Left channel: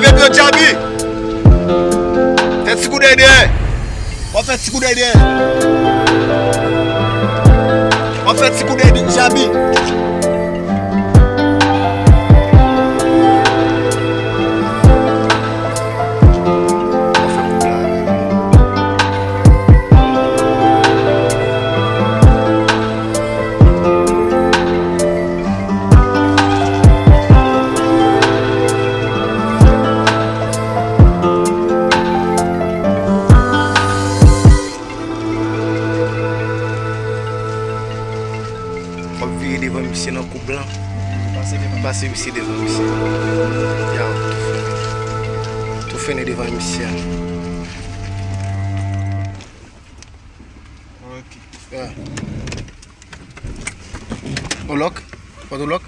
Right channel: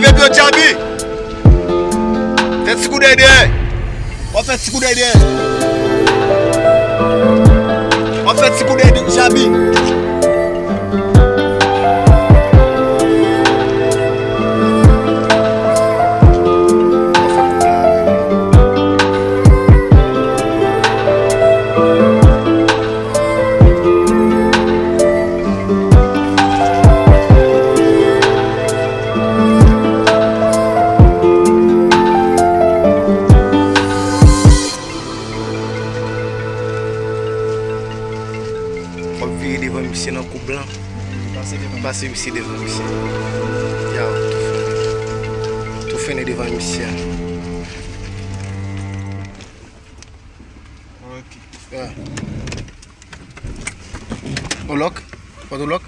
Levez bien Jabi. Faites ce coup d'aide. On fait ce coup d'aide. On fait ce coup d'aide Jabi. On va virer devant monsieur dans le coup blanc. Passer ici devant monsieur. Tout fait devant monsieur. Ok. Au lock? Pas de lock?